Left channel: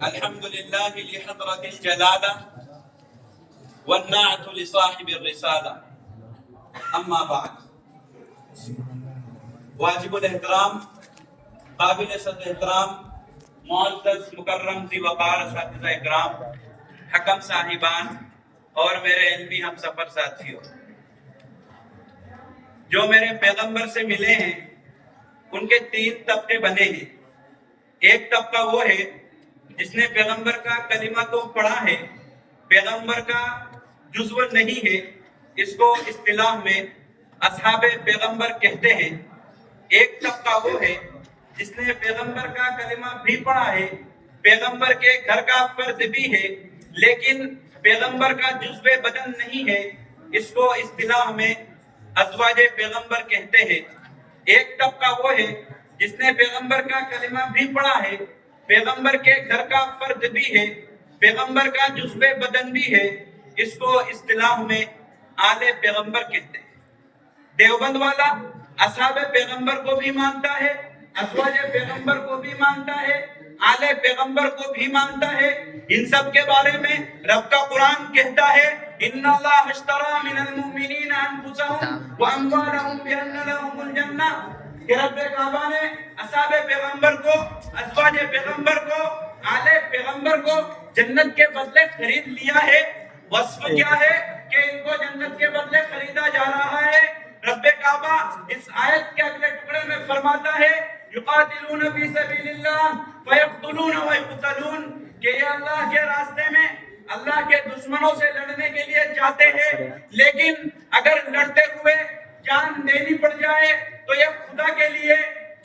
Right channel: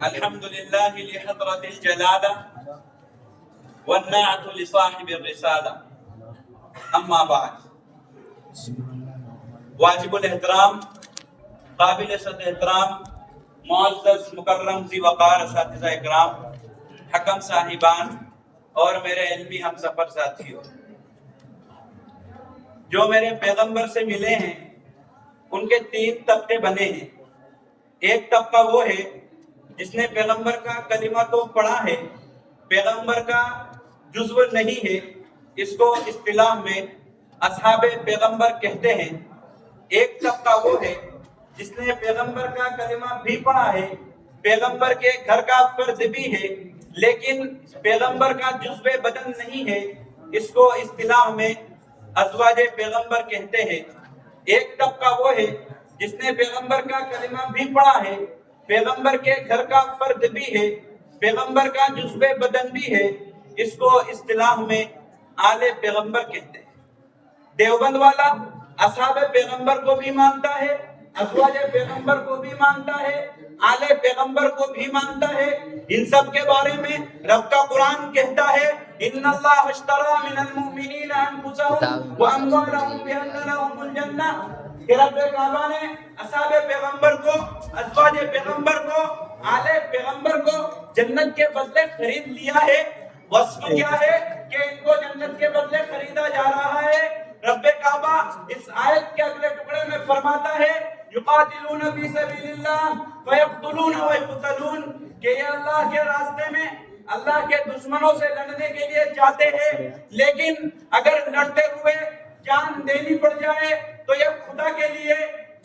الحمد لله لحضرة الجلالة والنعت لصاحب الرسالة اما بعد واجب الاحترام قابل صد احترام معزز مکرم ذی وقار اساتذہ اکرام حکم صاحبان اور میرے علمی ہم سفر ساتھیوں، جو میرے پیغمبر سے ملے ہیں ان کے 3 طبقے بنے ہیں۔ ایک طبقہ وہ ہے جس نے پیغمبر کا کلمہ تو پڑھا ہے، پیغمبر کا جزو نہیں ہے، اس کو اصطلاح میں اصحاب پیغمبر کہتے ہیں۔ ایک طبقہ وہ ہے جس نے پیغمبر کا کلمہ بھی پڑھا ہے، پیغمبر کے گھر کا فرد بھی ہے، لیکن پیغمبر کا جزو بدن نہیں ہے، اس کو اصطلاح میں ازواج پیغمبر کہتے ہیں۔ ایک طبقہ وہ ہے جس نے پیغمبر کا کلمہ بھی پڑھا ہے، پیغمبر کے گھر کا فرد بھی ہے، پیغمبر کا جزو بدن بھی ہے، اس کو اصطلاح میں آل پیغمبر کہتے ہیں۔ دیوبند والا اصحاب پیغمبر کو بھی مانتا ہے، ازواج پیغمبر کو بھی مانتا ہے، آل پیغمبر کو بھی مانتا ہے۔ ان سب کے بارے میں رب کا قرآن کہتا ہے ان اللہ اشترى من المؤمنین انفسهم واموالهم بان لهم الجنہ، کہ رب کعبہ نے اصحاب پیغمبر کو، ازواج پیغمبر کو، آل پیغمبر کو جنت کے بدلے خرید لیا ہے۔ وصف کیا ہے کہ ان کو جنت کے بدلے خریدا جا رہا ہے؟ رب کعبہ اس آیت کے اگلے ٹکڑے میں فرماتا ہے یقاتلون فی سبیل اللہ فیقتلون ویقتلون، کہ یہ اللہ کے راستے میں اللہ کے دشمنوں سے لڑنے کے لیے جاتے ہیں، لیکن اگر لڑتے ہوئے جان دینی پڑ جائے تو یہ خدا کے لیے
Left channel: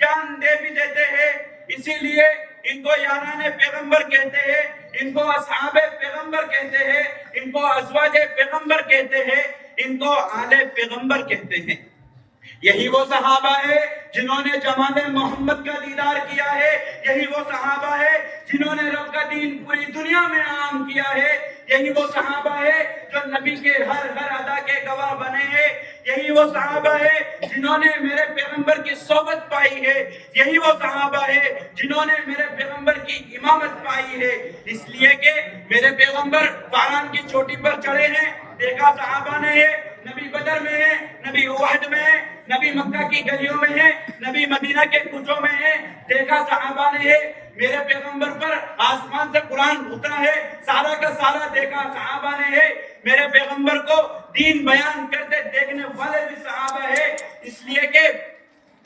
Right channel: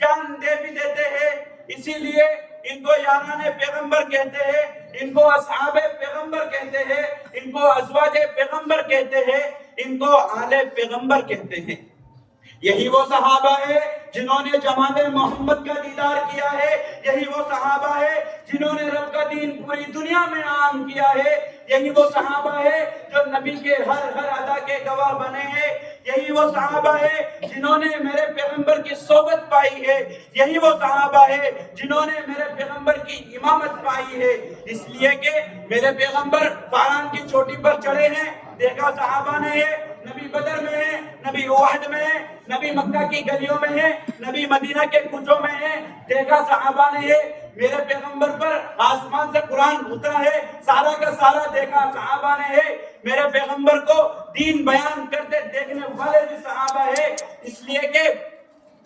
جان دے بھی دیتے ہیں۔ اسی لیے ان کو یاران پیغمبر کہتے ہیں، ان کو اصحاب پیغمبر کہتے ہیں، ان کو ازواج پیغمبر کہتے ہیں، ان کو آل پیغمبر کہتے ہیں۔ یہی وہ صحابہ ہے جنہوں نے جمال محمد کا دیدار کیا ہے، یہی وہ صحابہ ہے جنہوں نے رب کا دین پوری دنیا میں عام کیا ہے، یہی وہ صحابہ ہے جو نبی کے ہر ادا کے گواہ بنے ہیں، یہی وہ صحابہ ہے جنہوں نے میرے پیغمبر کی صحبت پائی ہے، یہی وہ صحابہ ہے جنہوں نے میرے پیغمبر کی امامت پائی ہے۔ اس لیے کہ میرے پیغمبر فاران کی چوٹی پر چڑھے ہیں، دیکھا صحابہ نے ہے، نبی بدر میں ہے، نبی احد میں ہے، نبی مکہ کی گلیوں میں ہے، نبی مدینہ کے کوچوں میں ہے، دیکھا صحابہ نے ہے۔ میرے پیغمبر پر آسمان سے قرآن اترا ہے، سارا کا سارا دیکھا صحابہ نے ہے۔ میرے پیغمبر کو دین بیان کرتے دیکھنے والے بھی صحابہ ہے، اس لیے کہ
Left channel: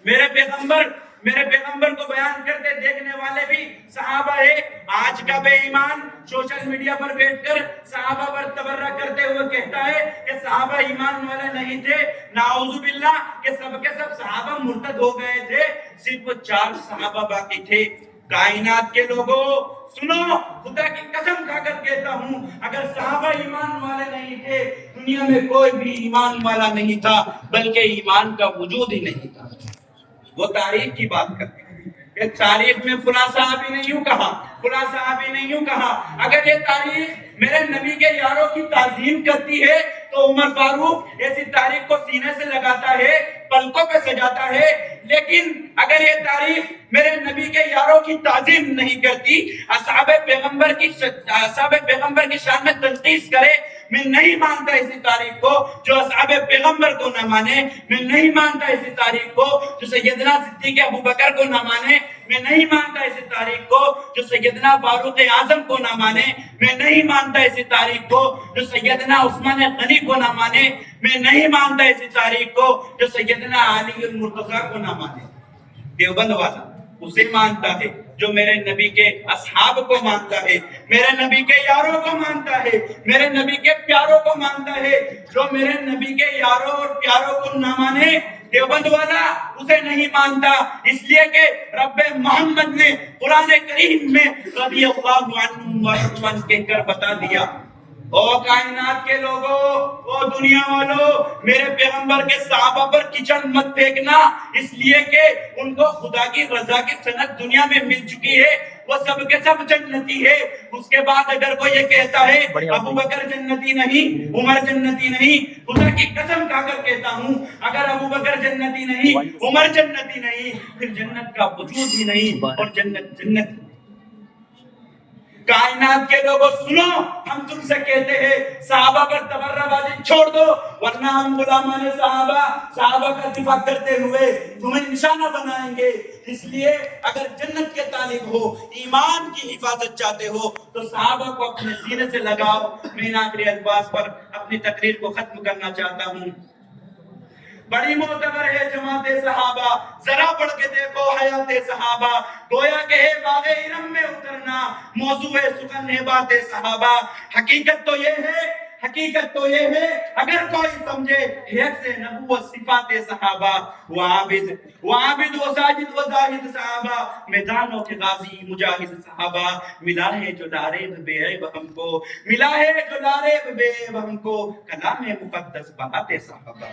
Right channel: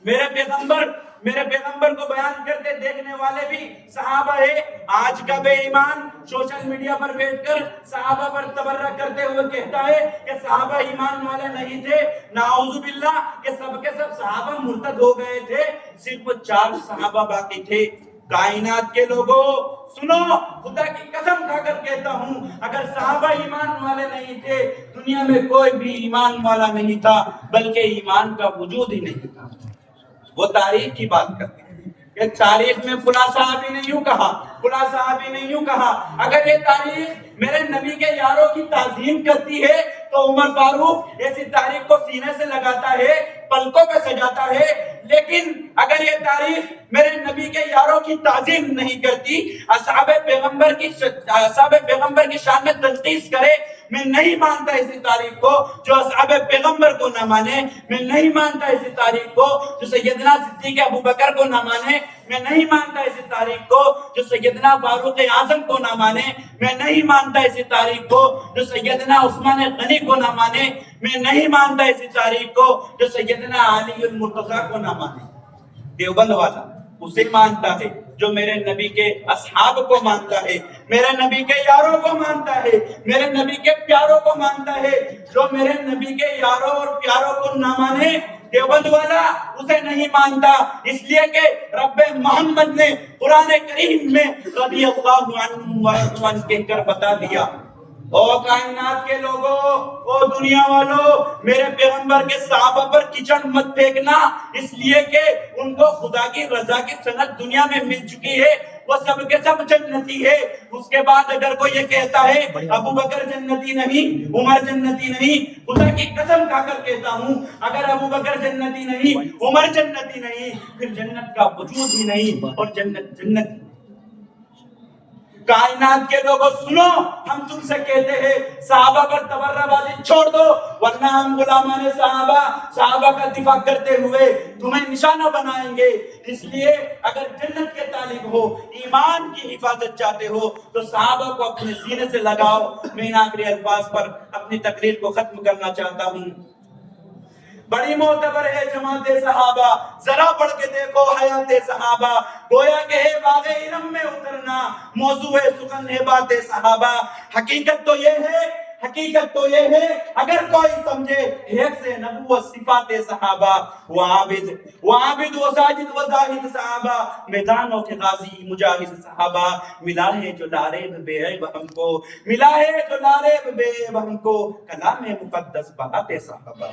میرے پیغمبر کو بیان کرتے دیکھنے والے بھی صحابہ ہے۔ آج کا بے ایمان سوشل میڈیا پر بیٹھ کر صحابہ پر تبرہ کرتے ہوئے کہتا ہے کہ صحابہ ایمان والے نہیں تھے، نعوذ باللہ کہ سب کے سب صحابہ مرتد ہو گئے تھے، صرف 4 صحابہ باقی تھے۔ کائنات کے لوگوں سنو، خدا کی قسم کھا کر کہتا ہوں، اگر صحابہ ایمان والے نہیں تھے دنیا میں کوئی بھی ایمان والا نہیں تھا، بلکہ ایمان کا وجود ہی نہیں تھا۔ وہ تاریخ کی بات کرتے ہیں کہ تاریخ میں فلاں صحابی نے یوں کہا، فلاں صحابی نے یوں کہا۔ اگر یہ تاریخ میرے نبی کے یاروں کی تعظیم کرتی ہے تو عمر فاروق ایسی تاریخ کو سینے سے لگاتا ہے، پلکوں پہ سجاتا ہے، لیکن اگر یہ تاریخ میرے نبی کے یاروں کی تعظیم نہیں کرتی، اصحاب پیغمبر کی شان میں تنقیص کرے، میں نہیں مانتا اسی تاریخ کو جو اصحاب پیغمبر کو نہ مانے، میں نہیں مانتا اسی تاریخ کو جو سیدنا صدیق ابوبکر کو نہ مانے، میں نہیں مانتا اسی تاریخ کو جو سیدنا فاروق اعظم کو نہ مانے، میں نہیں مانتا اسی تاریخ کو جو سیدنا عثمان غنی کو نہ مانے، میں نہیں مانتا اسی تاریخ کو جو سیدنا علی المرتضیٰ کو نہ مانے۔ دیوبند والا اسے مانتا ہے جو میرے نبی کے اصحاب کو مانتا ہے، میرے نبی کے یاروں کو مانتا ہے، میرے نبی کے پیاروں کو مانتا ہے۔ جو میرے نبی کے یاروں اور پیاروں کو نہ مانے، دیوبند والا اسے نہیں مانتا، اس لیے کہ رب محمد نے قرآن کریم میں رضی اللہ عنہ کہہ کر بتا دیا او کائنات کے لوگوں، او دنیا والوں، میرے پیغمبر کے صحابہ پر کچن مت پھینکنا، اس لیے کہ ان کو خدا کی رضا کی سند دنیا میں مل چکی ہے، وہ سب کے سب جنتی ہے۔ اس کے بعد اگر کوئی یہ کہتا ہے ابو بکر جنتی نہیں، عمر جنتی نہیں، خدا کی قسم کھا کر کہتا ہوں اگر ابو بکر جنتی نہیں، عمر جنتی نہیں، پھر جنت کا وجود ہی نہیں، اور جنت کائنات کے لوگوں سنو، ہم تم سے کہتے ہیں صحابہ پر تبرہ بازی چھوڑ دو، ورنہ ہم غلامان صحابہ کا دفاع کرتے ہوئے تمہیں نشانہ بنائیں گے۔ اس لیے اگر جنت کے طالب ہو، ایمان کی حفاظت چاہتے ہو تو صحابہ کو اپنے سینے سے لگاؤ۔ میں ان آخری الفاظ پر اپنی تقریر کو ختم کرنا چاہتا ہوں۔ بڑی معتبر ہے جماعت صحابہ، ذرا پڑھ کے دیکھو حیات صحابہ، گویا کہ ہے باغ ارم میں اترنا، موضوع سخن ہے بات صحابہ۔ حقیقت تو یہ ہے اگر کوئی سمجھے ایک سے نبوت صفات صحابہ، وہ عابد و ساجد و زاہد صحابہ، میدانوں کے غازی مجاہد صحابہ، ملا ہے جو لاریب بے عیب ہم کو، ملا ہے جو لاریب بے عیب ہم کو، کلام مقدس بات صحابہ۔